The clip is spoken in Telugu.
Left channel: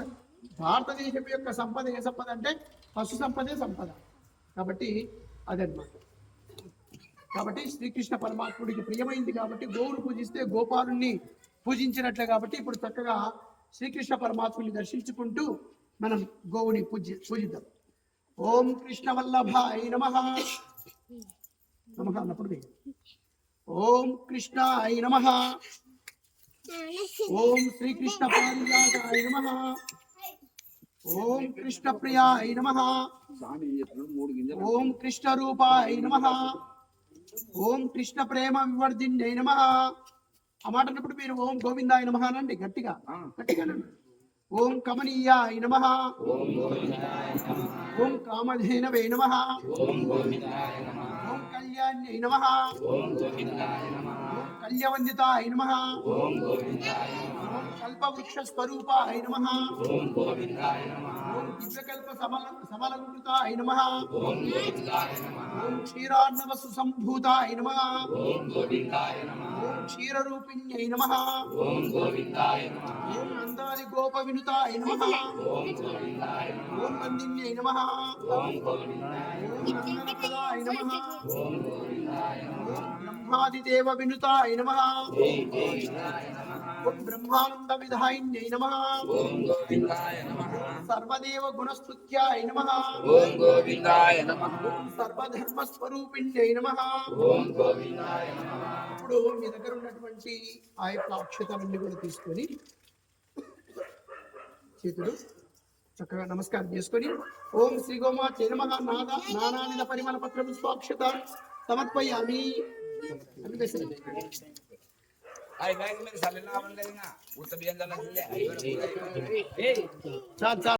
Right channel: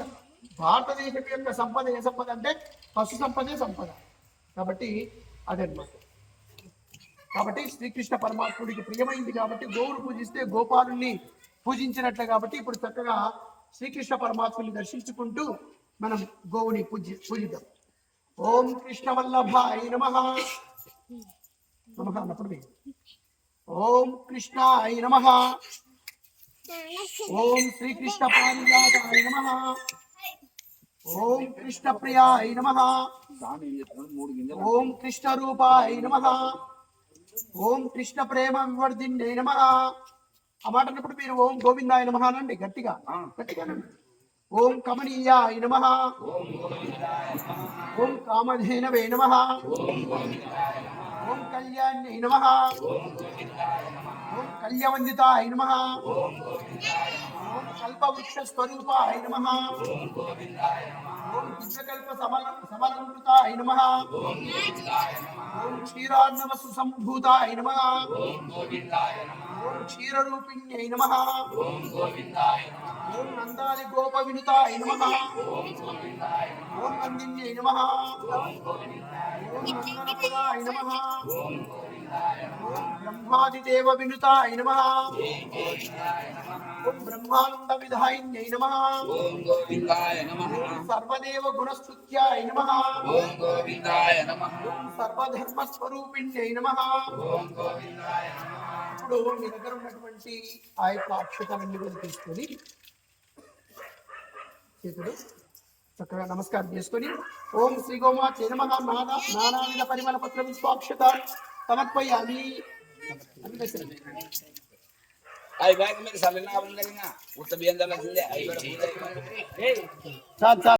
సంపద. భారతదేశం యొక్క సంపద ఏ సంపద అంటే పశు సంపదే సంపద. కాబట్టి అదనమాట. కాబట్టి శ్రీకృష్ణ పరమాత్ముడికి ప్రియమైంది కాబట్టి గోవును పూజిస్తే గోపాలుని పూజించినట్లే. కాబట్టి ఇప్పుడు చక్కగా శ్రీకృష్ణ పరమాత్ముని దర్శించుకుంటూ మనం గోవుని పూజిద్దాం. ఓం కృష్ణ వల్లభాయ నమః. నమః అన్నప్పుడు ఓం కృష్ణాయ నమః. ఓం శ్రీకృష్ణ పారిజాతాయ నమః. ఓం కృష్ణ ప్రియాయ నమః. ఓం కృష్ణ రూపాయ నమః. ఓం కృష్ణ ప్రేమ వివర్ధిన్నే నమః. ఆ మాట అన్నప్పుడు మీరు ఓం గోవిందాయ నమః అనండి గట్టిగా గట్టిగా. ఓం కమనీయాయ నమః. ఓం కామధేనవే నమః. ఓం కళ్యాణ్యై నమః. ఓం కళ్యవందితాయ నమః. ఓం కల్పవృక్ష స్వరూపాయ నమః. ఓం దివ్యకల్ప సమలంకృతాయ నమః. ఓం క్షీరార్ణవ సుసంభూతాయ నమః. ఓం క్షీరరూపిణ్యై నమః. ఓం నందాది గోప వినుతాయ నమః. ఓం నందిన్యై నమః. ఓం నందనప్రదాయ నమః. ఓం బ్రహ్మాదిదేవ వినుతాయ నమః. ఓం బ్రహ్మానంద విధాయిన్యై నమః. ఓం సర్వదేవ గుణస్తుత్యాయ నమః. ఓం గోవిందాయ నమః. ఓం సర్వధర్మ స్వరూపిణ్యై నమః. ఓం గోవిందాయ నమః. ఇప్పుడు మీ దగ్గర ఉన్నటువంటి ఆ యొక్క అక్షతలన్నీ కూడా తీసుకొని చేతుడు చక్కగా నమస్కారం చేసుకొని ఓం శ్రీ గోమాతే నమః నానావిధ పరిమళ పత్రం స్వాక్షత సమర్పయామి అని వేసండి. Ay, baik, may sabi na ako ng galing nga. Utabihan ka lang sila. Ay, చాలు చాలు.